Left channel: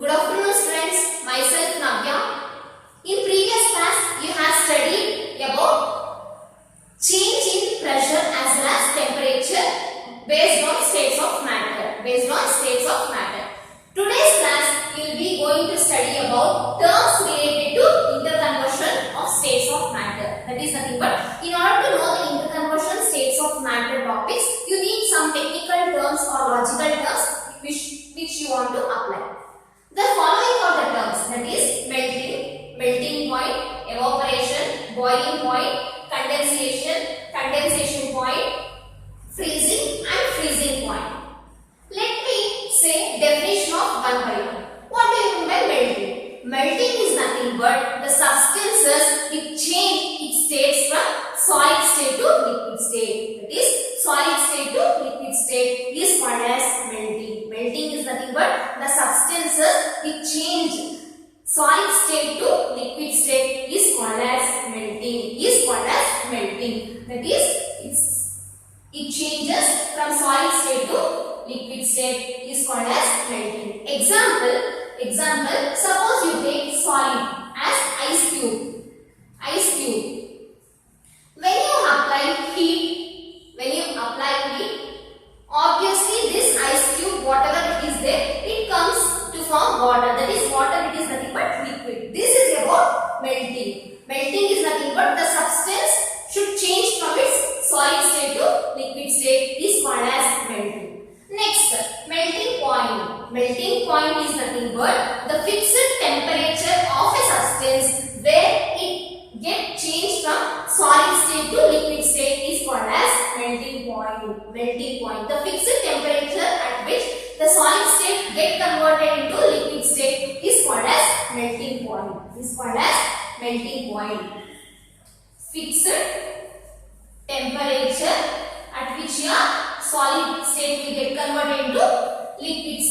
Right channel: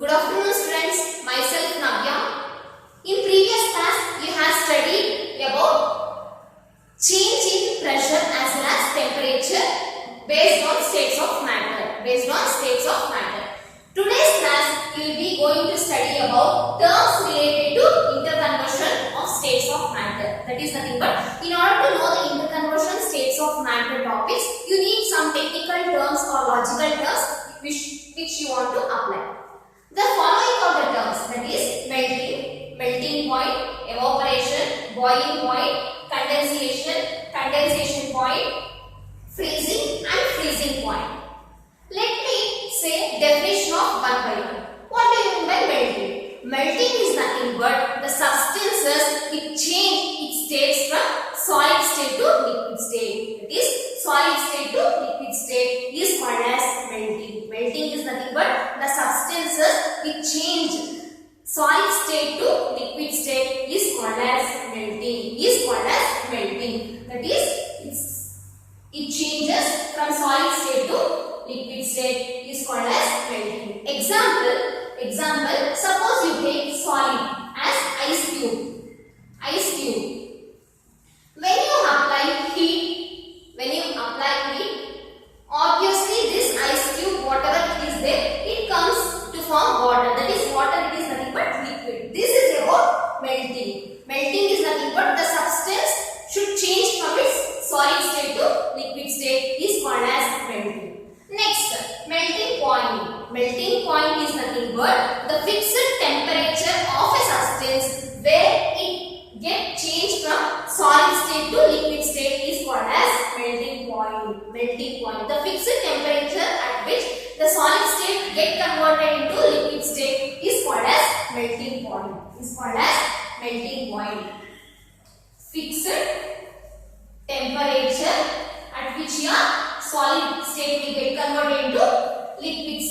Good afternoon students, myself Navya. In previous class, you have studied about change in pressure as well as temperature based on states of matter. Today's class, we will be going to study about terms related to interconversion of states of matter. That is nothing but, in order to know the interconversion states of matter topics, you need some technical terms or logical terms which you want to apply. The following are the terms, that is melting point, evaporation, boiling point, condensation point, freezing and freezing point. Let me say definition of one by one. What do you mean by melting? Melting is nothing but the substances which change its states from solid state to liquid state. That is, solid state to liquid state is called as melting. Melting is nothing but the substances which change solid state to liquid state is called as melting. That is, it changes from solid state to liquid state is called as melting. Example, suppose you take solid as ice cube. When you apply heat, obviously this ice cube, whatever it is there, it comes to form water. That is, water it is nothing but liquid. This is about melting. Melting is nothing but the substance should change from its solid state to liquid state is called as melting. Next, melting point. Melting point is nothing but the fixed temperature of a substance where it gets changed from solid state to liquid state is called as melting point. The fixed temperature at which the solid state gets converted into liquid state is called as melting point. Fixed temperature at which your solid state will get converted into liquid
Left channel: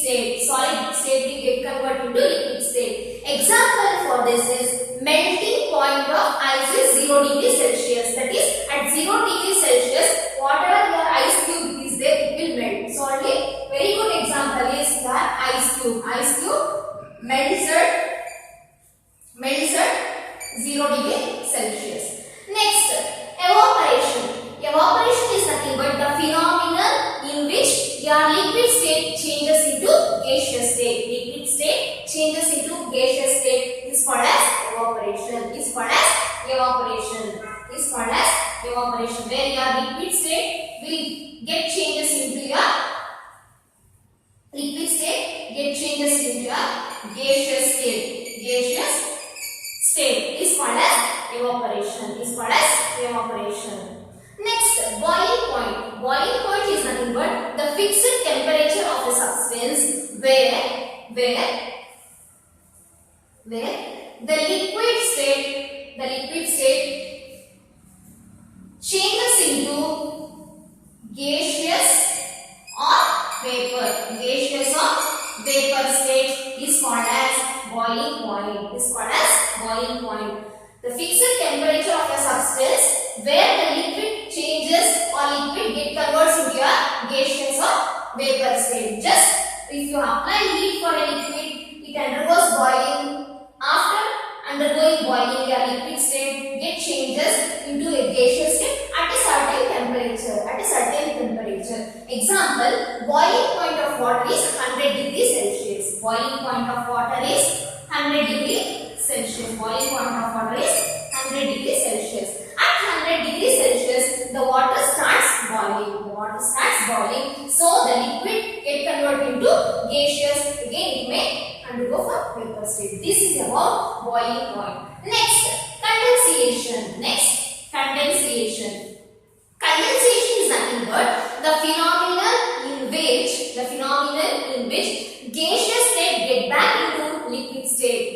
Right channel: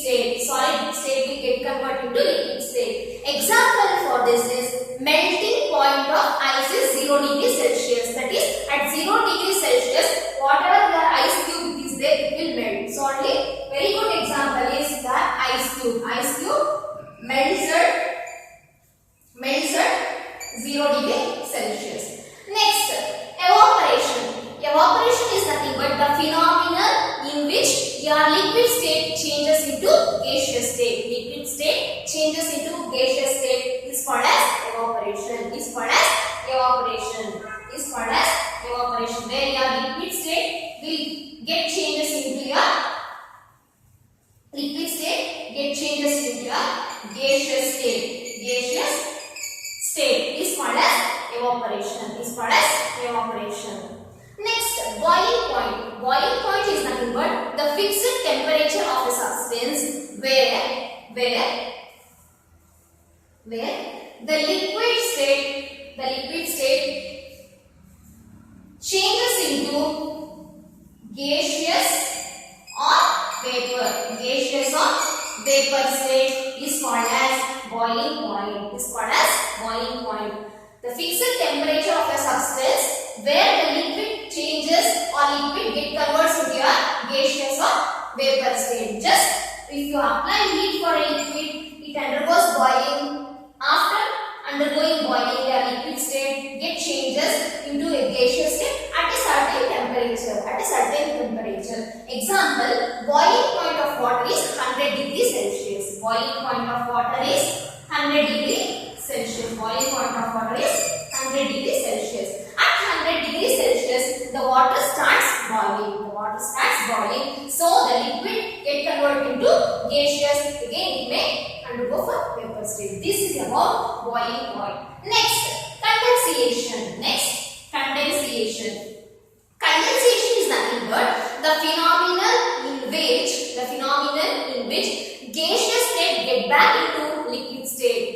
state. Example for this is melting point of ice is 0 degrees Celsius. That is, at 0 degrees Celsius, whatever your ice cube is there, it will melt. So only very good example is that ice cube. Ice cube melts at 0 degrees Celsius. Next, evaporation. Evaporation is nothing but the phenomenon in which your liquid state changes into gaseous state. Liquid state changes into gaseous state is called as evaporation. Where your liquid state will get changes into your gaseous state is called as evaporation. Next, boiling point. Boiling point is nothing but the fixed temperature of a substance where the liquid state changes into gaseous or vapor state is called as boiling point. The fixed temperature of a substance where the liquid changes or liquid converts into a gaseous or vapor state. Just if you apply heat for a liquid, it undergoes boiling. After undergoing boiling, your liquid state changes into a gaseous state at a certain temperature. Example, boiling point of water is 100 degrees Celsius. At 100 degrees Celsius, the water starts boiling. So the liquid gets converted into gaseous. Again, it may undergo for vapor state. This is about boiling point. Next, condensation. Condensation is nothing but the phenomenon in which gaseous state get back into liquid state.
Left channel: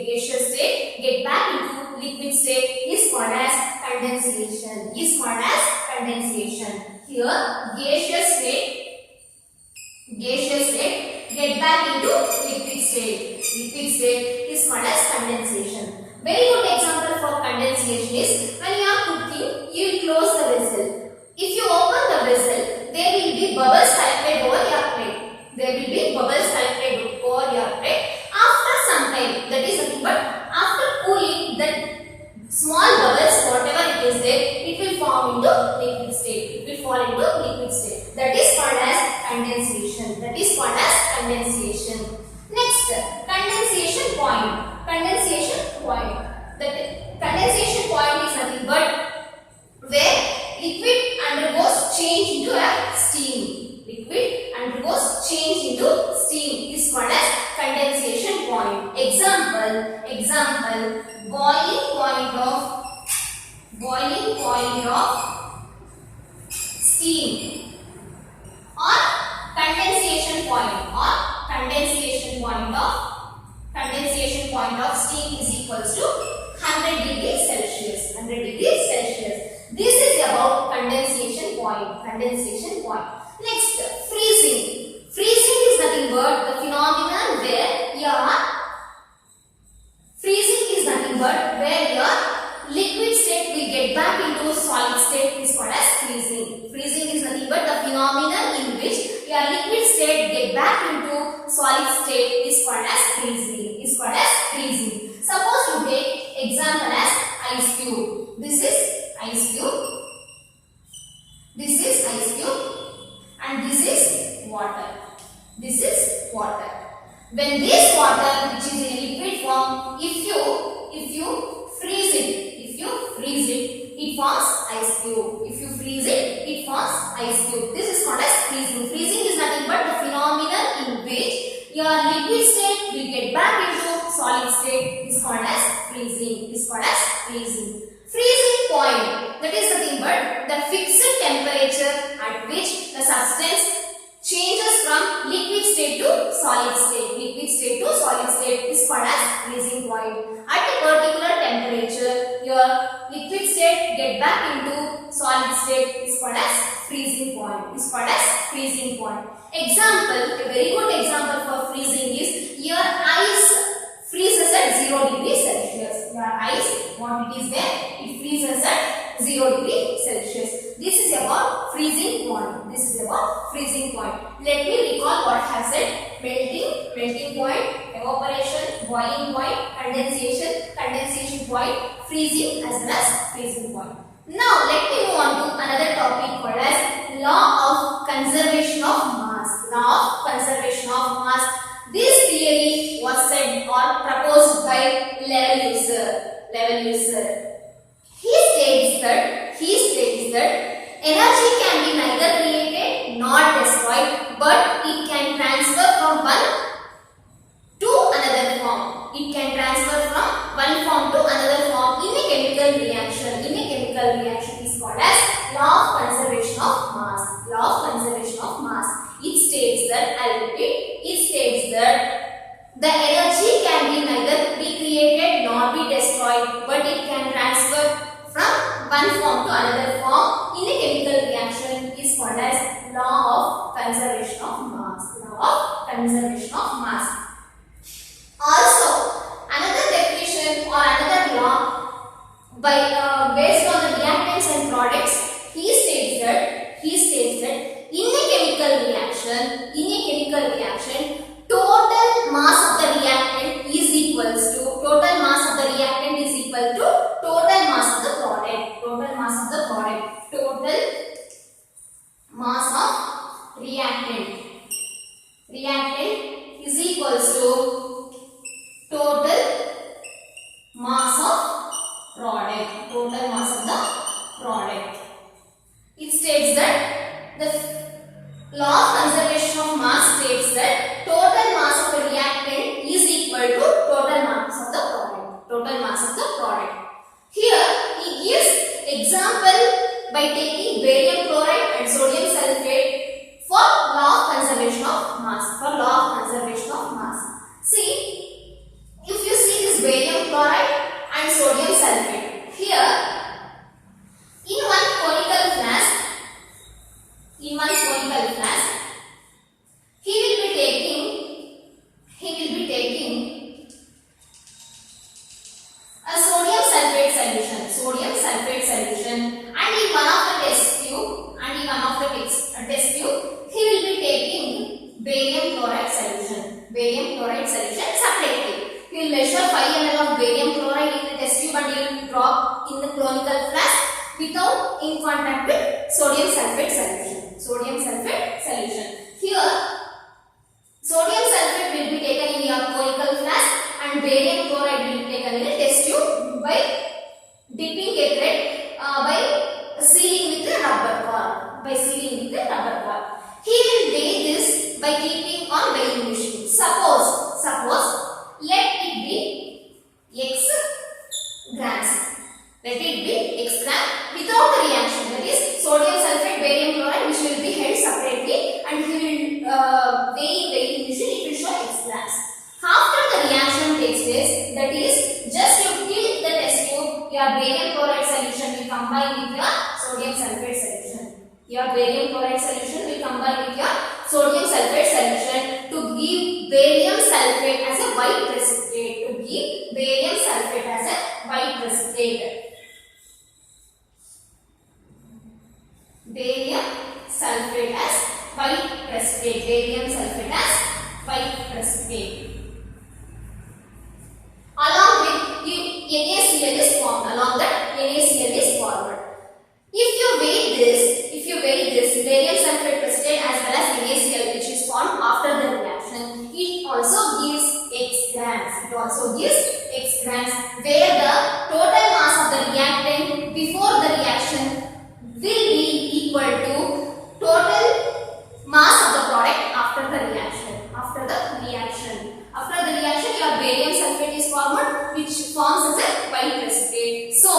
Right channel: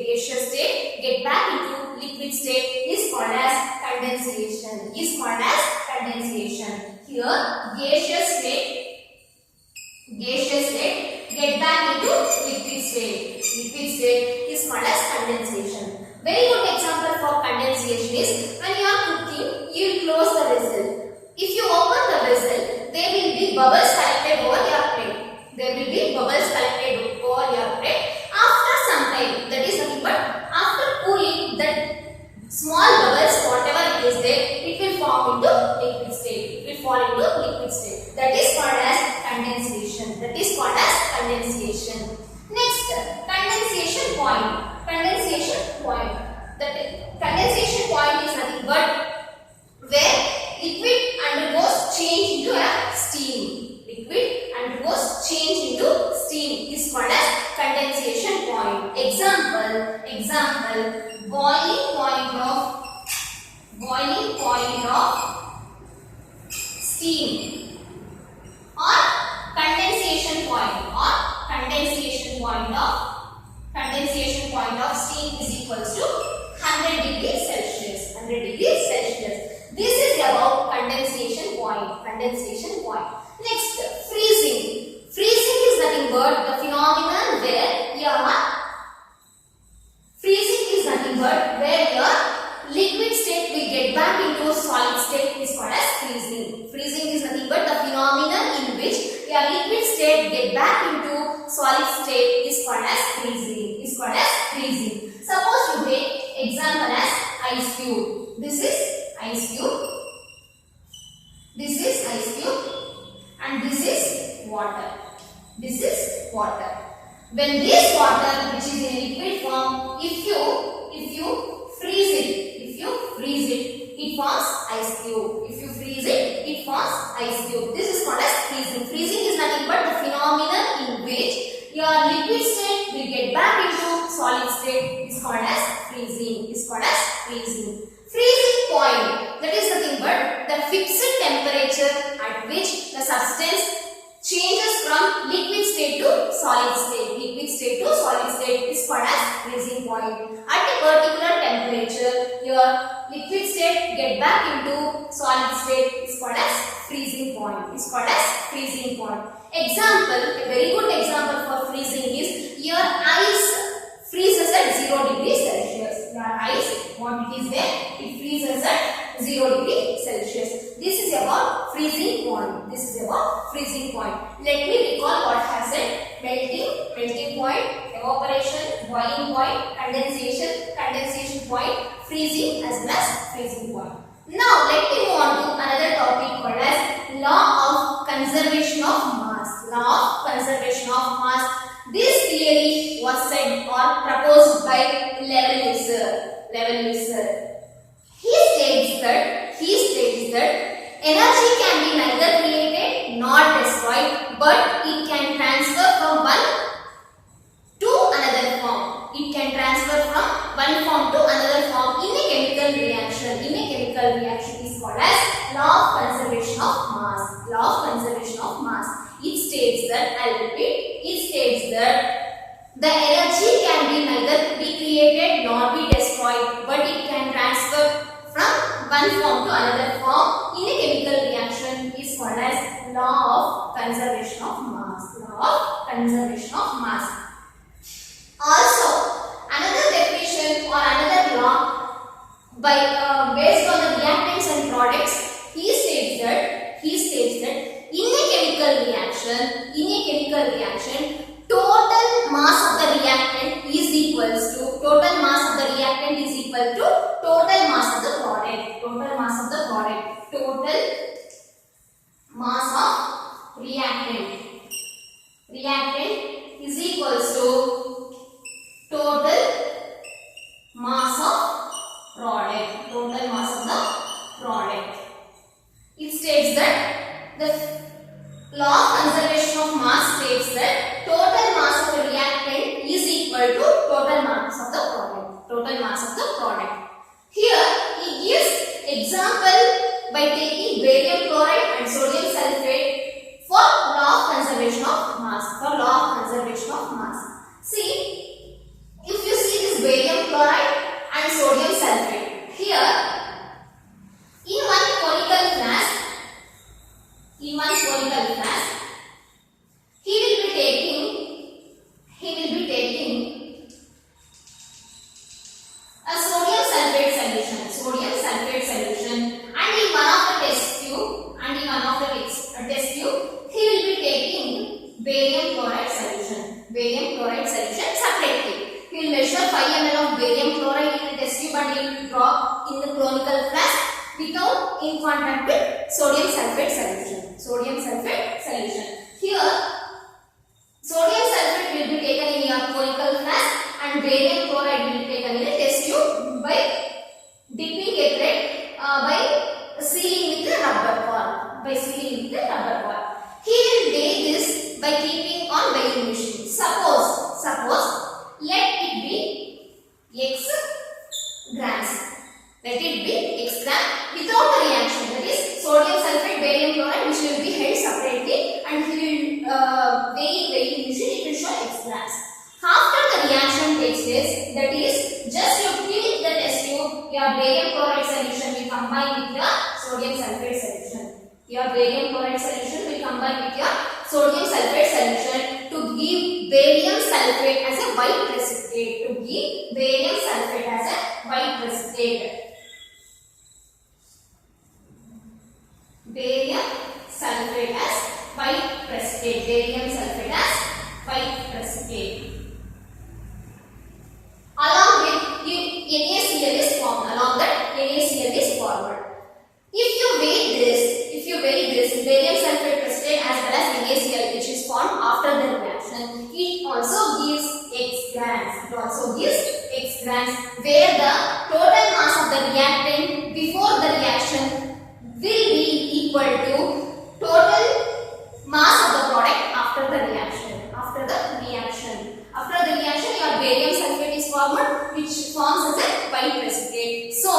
Is called as condensation. Here, gaseous state get back into liquid state. Is called as condensation. Very good example for condensation is when you are cooking, you will close the vessel. If you open the vessel, there will be bubbles collected over your plate. After condensation. Next, condensation point. Condensation point. The condensation point is nothing but where liquid undergoes change into a steam. Liquid undergoes change into steam is called as condensation point. Example, boiling point of steam, or condensation point of steam is equals to 100 degrees Celsius. 100 degrees Celsius. This is about condensation point. Next, freezing. Freezing is nothing but the phenomenon where your liquid state will get back into a solid state is called as freezing. Freezing is nothing but the phenomenon in which your liquid state get back into solid state is called as freezing. Suppose you take example as ice cube. This is ice cube. And this is water. When this water, which is in liquid form, if you freeze it, it forms ice cube. If you freeze it, it forms ice cube. This is called as freezing. Freezing is nothing but the phenomenon in which your liquid state will get back into solid state is called as freezing. Freezing point, that is nothing but the fixed temperature at which the substance changes from liquid state to solid state. Is called as freezing point. At a particular temperature, your liquid state get back into solid state is called as freezing point. Example, a very good example for freezing is your ice freezes at 0 degrees Celsius. Your ice, what it is there, it freezes at 0 degrees Celsius. This is about freezing point. Let me recall what I have said. Melting point, evaporation, boiling point, condensation point, freezing as well as freezing point. Now let me move on to another topic called as law of conservation of mass. This theory was said or proposed by Lavoisier. He states that energy can be neither created nor destroyed, but it can transfer from one to another form. One form to another form in a chemical reaction. Is called as law of conservation of mass. It states that, I repeat, the energy can be neither be created nor be destroyed, but it can transfer from one form to another form in a chemical reaction is called as law of conservation of mass. Also, another definition or another law based on the reactants and products, he states that in a chemical reaction, total mass of the reactant is equal to total mass of the product. Total mass of reactant is equal to total mass of product. It states that the law of conservation of mass states that total mass of a reactant is equal to total mass of the product. Here he gives example by taking barium chloride and sodium sulfate for law of conservation of mass. See, if you see this barium chloride and sodium sulfate, here in one conical flask, he will be taking a sodium sulfate solution, and in one of the test tube, he will be taking barium chloride solution separately. He will measure 5 ml of barium chloride in the test tube and he will drop in the conical flask without in contact with sodium sulfate solution. Here, sodium by keeping on weighing machine. Suppose let it be x grams. Let it be x gram without the reaction. That is sodium sulfate, barium chloride, which will be held separately, and he will weigh in weighing machine. It will show x grams. After the reaction takes place, that is just you fill the test tube, your barium chloride solution will combine with your sodium sulfate solution. Your barium chloride solution will combine with your sodium sulfate solution to give barium sulfate as a white precipitate. To give barium sulfate as a white precipitate. Barium sulfate as white precipitate. Barium sulfate as white precipitate. Along with NaCl is formed. Along that NaCl is formed. If you weigh this barium sulfate precipitate as well as NaCl, which is formed after the reaction, it also gives x grams. It also gives x grams, where the total mass of the reactant before the reaction will be equal to total mass of the product after the reaction. After the reaction, your barium sulfate is formed, which forms as a white precipitate. So,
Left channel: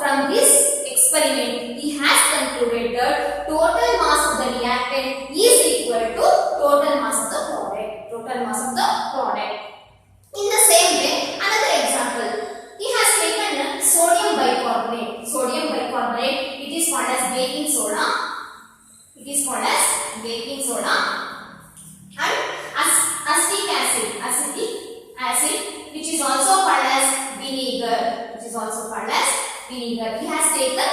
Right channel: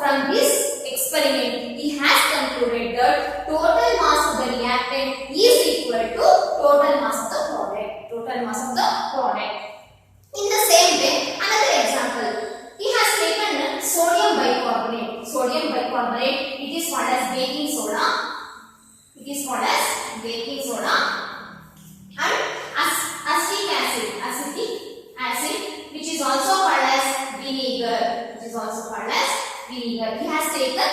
from this experiment, he has concluded that total mass of the reactant is equal to total mass of the product. Total mass of the product. In the same way, another example. He has taken sodium bicarbonate. Sodium bicarbonate, it is called as baking soda. It is called as baking soda. And acetic acid, which is also called as vinegar. He has taken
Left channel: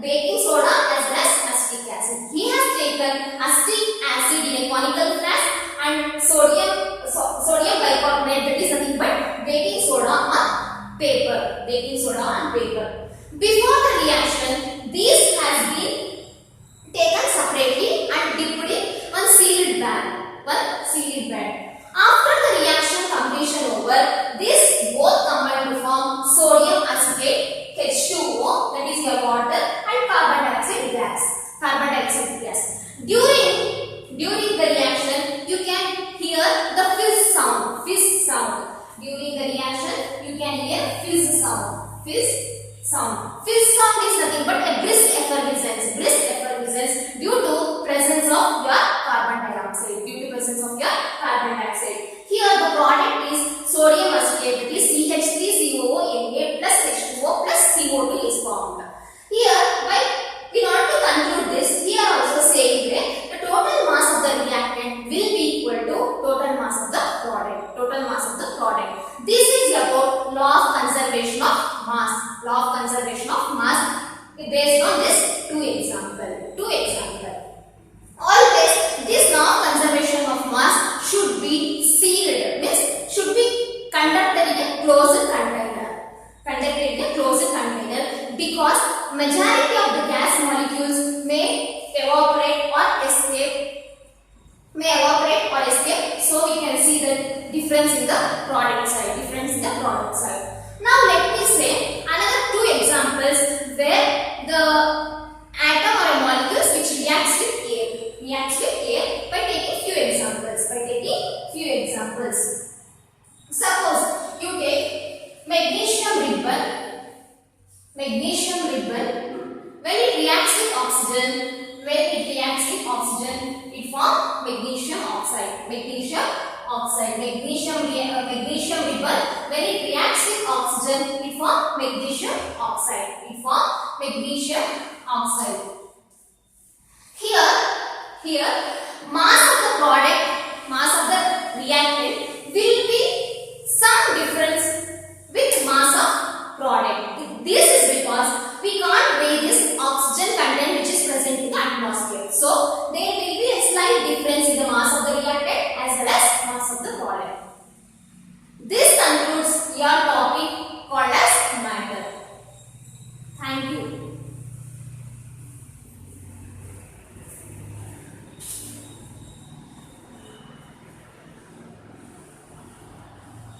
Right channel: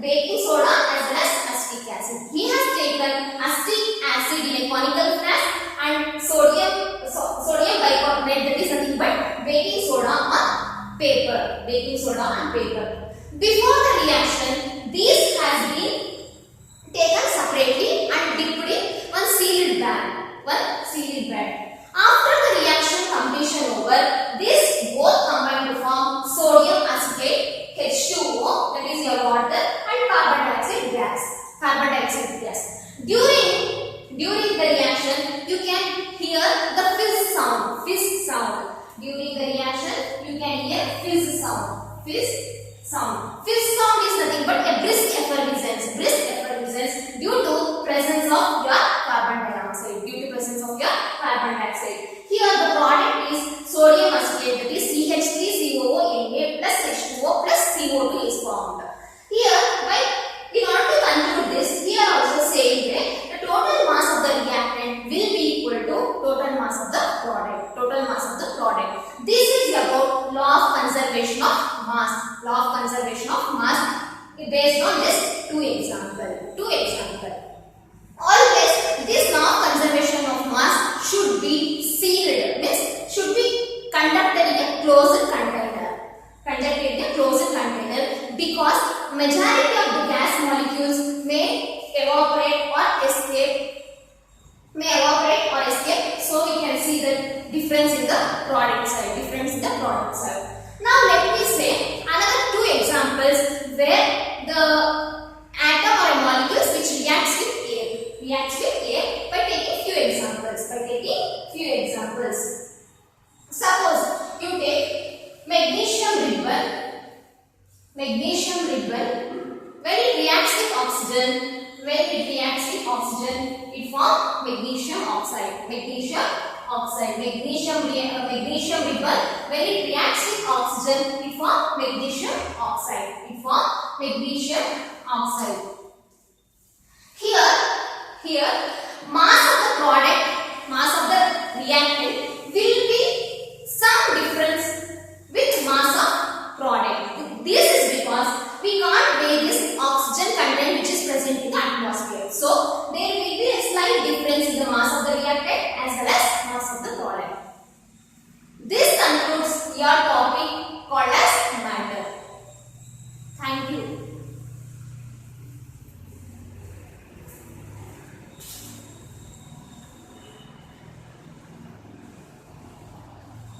baking soda as well as acetic acid. He has taken acetic acid in a conical flask and sodium bicarbonate, that is nothing but baking soda on paper. Before the reaction, these has been taken separately and dipped in one sealed bag. After the reaction completion over, this both combine to form sodium acetate, H2O, that is your water, and carbon dioxide gas. During the reaction, you can hear the fizz sound. During the reaction, you can hear fizz sound. Fizz sound is nothing but a brisk effervescence due to presence of your carbon dioxide. Here the product is sodium acetate, that is CH3COO plus H2O plus CO2 is formed. Here, in order to conclude this, here also saying that the total mass of the reactant will be equal to total mass of the product. This is about law of conservation of mass. Based on this two example. Always this law of conservation of mass should be sealed, means should be conducted in a closed container, because majority of the gas molecules may evaporate or escape. So we can see the difference in the product side. Now let me say another two examples where the atom or a molecules which reacts with air by taking few examples. Suppose you take magnesium ribbon. When it reacts with oxygen, it forms magnesium oxide. Magnesium ribbon, when it reacts with oxygen, it forms magnesium oxide. Here, mass of the reactant will be some difference with mass of product. This is because we can't weigh this oxygen content which is present in the atmosphere. So, there will be a slight difference in the mass of the reactant as well as mass of the product. This concludes your